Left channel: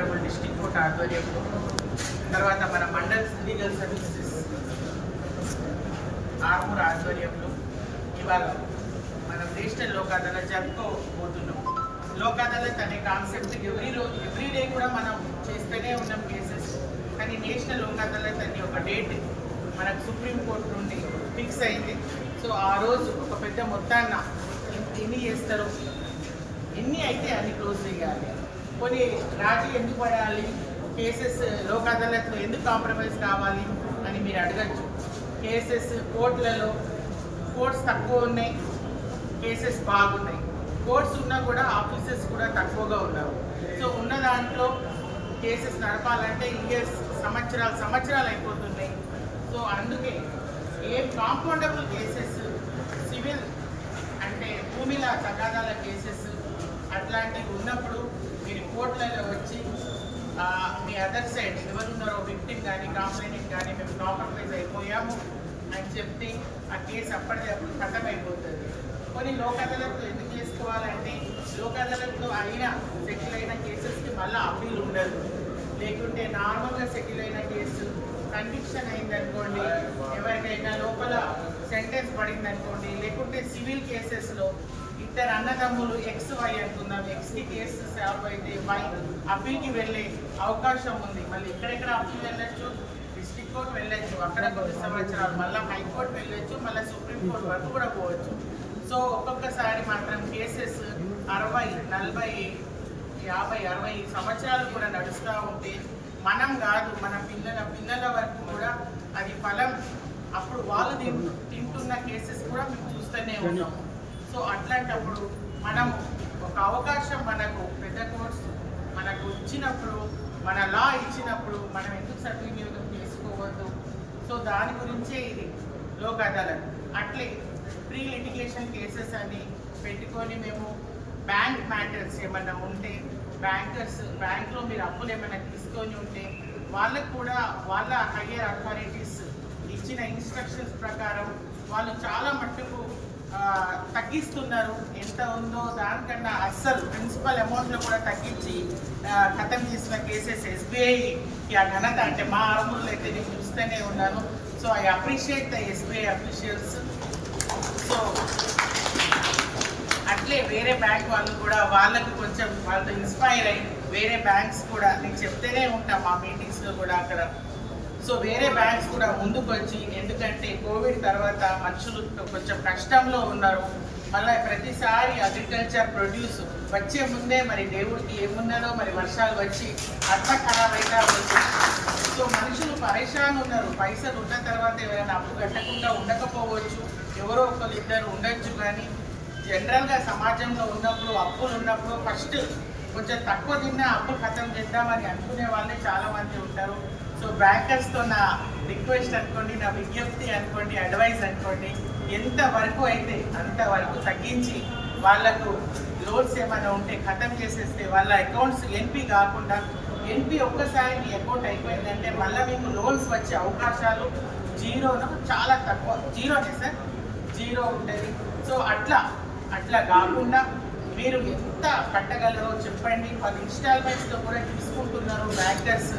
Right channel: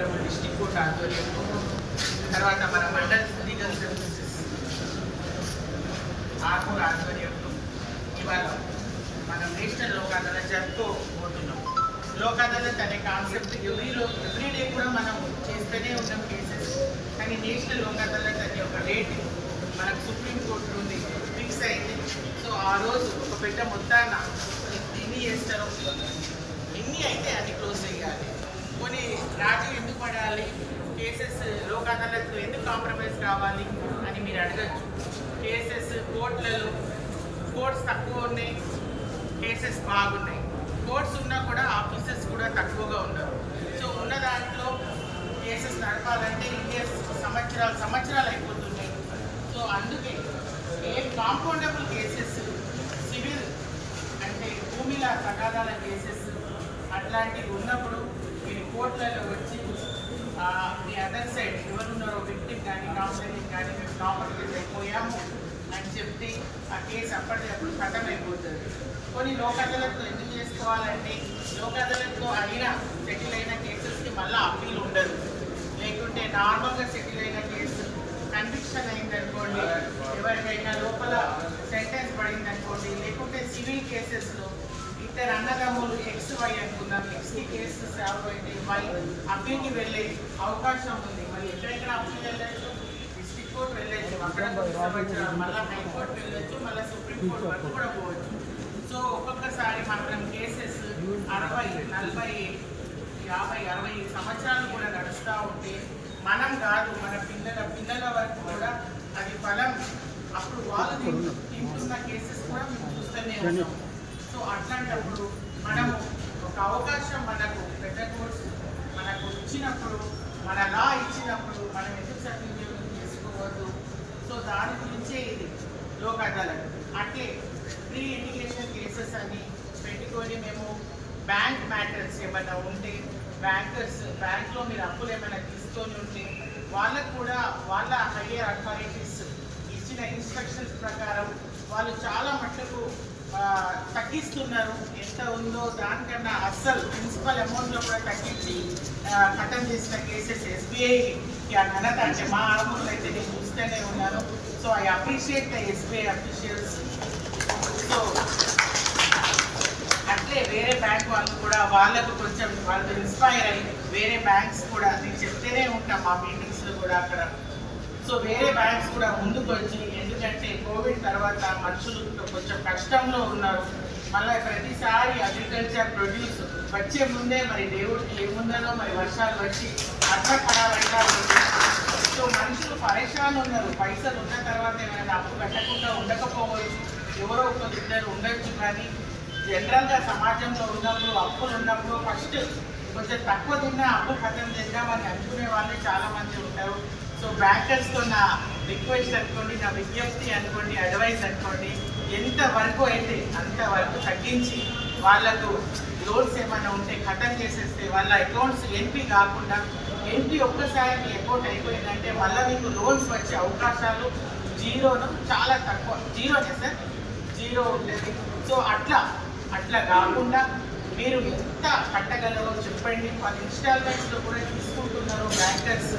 Honourable district court ఆధ్వర్యంలో, తర్వాత మన మండల్ లీగల్ సర్వీసెస్ ఆర్మూర్ ఆధ్వర్యంలో ఇవాళ మనం నేషనల్ లోక్ అదాలత్ జరుపుకోబోతున్నాం. లోక్ అదాలత్ అనే కాన్సెప్ట్ ఎవ్రీడే కూడా మనం చేస్తూనే ఉన్నాం కేసెస్. కానీ నేషనల్ లోక్ అదాలత్ అనే ఒక డేట్ మనకు సుప్రీంకోర్టు నుండి ఫిక్స్ అయింది. సో ఆ రోజు ఒక పెద్ద మొత్తాన ఎన్ని చేస్తారు, ఎన్ని అయితే అన్ని క్లోజ్ చేయాలి, కొన్ని రాజీ ఎందుకు పడాలి, కేసెస్ లోక్ అదాలత్లో ఎందుకు కాంప్రమైజ్ కావాలి అని మీరు అడగచ్చు. కేసెస్ కోర్టులలో కోర్ట్స్ తక్కువ ఉన్నాయి, కేసెస్ బాగున్నాయి. కోర్ట్స్ ఉన్నా కూడా ఆఫీసర్స్ కూడా తక్కువగా ఉన్నారు. సో ఉన్న దాంట్లో కేసెస్ నడపాలంటే ఇయర్స్ సంవత్సరాలు అయిపోతున్నాయి. సో అందుకే ఏ కాంపౌండబుల్ కేసెస్, సివిల్ అంటే భూమిల తగాదాల కేసెస్ అట్లాంటివి ఉన్నప్పుడు మీరు కోర్టులలో వచ్చి మీ అదర్ సైడ్ ఎవరున్నారో విక్టిమ్ కానీ కంప్లైంట్ కానీ మేము కాంప్రమైజ్ అయిపోయాము అని చెప్తే ఆ కేసు అప్పటికప్పుడు ఖతం అయిపోతుంది. కొన్ని లోక్ అదాలత్లో ఎందుకు చేసుకోవాలంటే లోక్ అదాలత్లో సెటిల్ అయిన కేసెస్కి మళ్ళీ అప్పీల్ ఉండదు. లేకుంటే నార్మల్గా సెటిల్ అయిన కేసు కన్విక్షన్ అయిందనుకోండి, ఎవరికైనా లోపల సెంటెన్స్ పడిందనుకోండి, లేకుంటే సివిల్ కేసెస్లో ఇద్దరు అన్నదమ్ములు ఎక్స్ వై అనుకున్నారు, ఎక్స్కి కేసు సాల్వ్ అయితే వై అప్పీల్కి వెళ్ళే అవకాశం ఉంది. మళ్ళీ ఎక్కడెక్కడ అప్పీల్ వెళ్ళచ్చు, డిస్ట్రిక్ట్ కోర్టు వెళ్ళచ్చు, అక్కడ కొన్ని సంవత్సరాలు మళ్ళీ హైకోర్టు వెళ్ళచ్చు, మళ్ళీ సుప్రీంకోర్టు వరకు కూడా పోవచ్చు. సో ఒక్కొక్కసారి మాత్రం కేసెస్ 60, 40, 50, 60 సంవత్సరాలు కూడా నడుస్తూ ఉంటే మనం కాదు మన పిల్లల వరకు కూడా అది ఫలం అప్పుడు వాళ్ళు తింటున్న కేసెస్ కూడా మేము చూస్తూనే ఉన్నాం. సో అట్లాంటప్పుడు మనము ఒక అవకాశం మనకు పెద్ద కోర్సు మనకు ఇచ్చినప్పుడు, మన లా ఇచ్చినప్పుడు మనం ఎందుకు సద్వినియోగం చేసుకోవద్దు. సో దాని గురించే ఇది లోక్ అదాలత్. అట్లే ప్రీ లిటిగేషన్ కేసెస్ అని పెట్టుకొని మేము బ్యాంక్ మ్యాటర్స్ ఏమైనా ఉంటే బ్యాంక్లో మీరు అప్పులు ఏమైనా తీసుకొని ఉంటే వాళ్ళకు కూడా వాళ్ళ హయ్యర్ అథారిటీస్ ఇచ్చిన ఇన్స్ట్రక్షన్స్ ప్రకారం వాళ్ళు చాలా మట్టుకు తగ్గిస్తున్నారు. ఎంత ఉందో దానికన్నా అస్సలు ప్రిన్సిపల్ అమౌంట్లో కూడా తగ్గించి ఖతం చేసిన కేసెస్ ఎస్బీఐకి ఆ ఘనత అంటే మా ఆర్మూర్లో అయితే నేను చూస్తూనే ఉన్నాను. So I appreciate the SBI officials. So అట్లే వేరే బ్యాంక్ వాళ్ళు కూడా వాళ్ళకు కొంచెం వాళ్ళతో ఇన్స్పైర్ అయ్యి వేరే బ్యాంక్స్ కూడా నేను చెప్తూనే ఉంటాం మా మీటింగ్స్లో కూడా అక్కడ. సో వేరే బ్యాంక్స్ కూడా ముందుకు వచ్చి, ఎందుకంటే కోవిడ్ తర్వాత మనుషులు కొంచెం కష్టంలో ఉన్నారు. మళ్ళీ ప్రతిసారి అగ్రికల్చర్ ప్రొడ్యూస్ వచ్చే ముందే మరి దేవుడికి ఏమున్నదో మరి వర్షాలు వచ్చి అట్లా ఖరాబ్ అయినా ఉంది. సో మనుషులు పరేషాన్ ఉన్నారు. పైసలు ఉన్న తర్వాత ఎవరైనా అప్పు కట్టకుండా ఉండకపోవచ్చు, ఎవరో ఒకరు ఇద్దరు ఉండొచ్చు. కానీ జనరల్గా సమాజంలో ఉన్నప్పుడు అప్పులు ఉన్నప్పుడు ఫస్ట్ కొంచెం తక్కువ తిన్నా అప్పు ఖతం చేద్దామని అనుకునే వాళ్ళే చాలామంది ఉంటారు. సో బ్యాంకర్స్తో నా రిక్వెస్ట్ అనుకోండి, నా విజ్ఞప్తి అనుకోండి, అడ్వైస్ అనుకోండి, ఎంతవరకు అయితే అంతవరకు తగ్గించి వాళ్ళకు లోన్స్ ఏమైనా ఉంటే ఖతం చేసేస్తే వాళ్ళ అకౌంట్స్ ఎన్పీ కాకుండా, ఎన్పీ ఒక్కసారి మీ అకౌంట్ అయిపోయిందంటే మళ్ళీ మీకు లోన్స్ వచ్చే అవకాశాలు చాలా తక్కువ, జీరోనే సార్, జీరో ఉంటుంది. సో అట్లా కాకుండా మీరు ఎంత కట్టగలరో చెప్పండి. వాళ్ళు ఇన్స్టాల్మెంట్స్లో కూడా తీసుకుంటున్నారు బ్యాంకర్స్.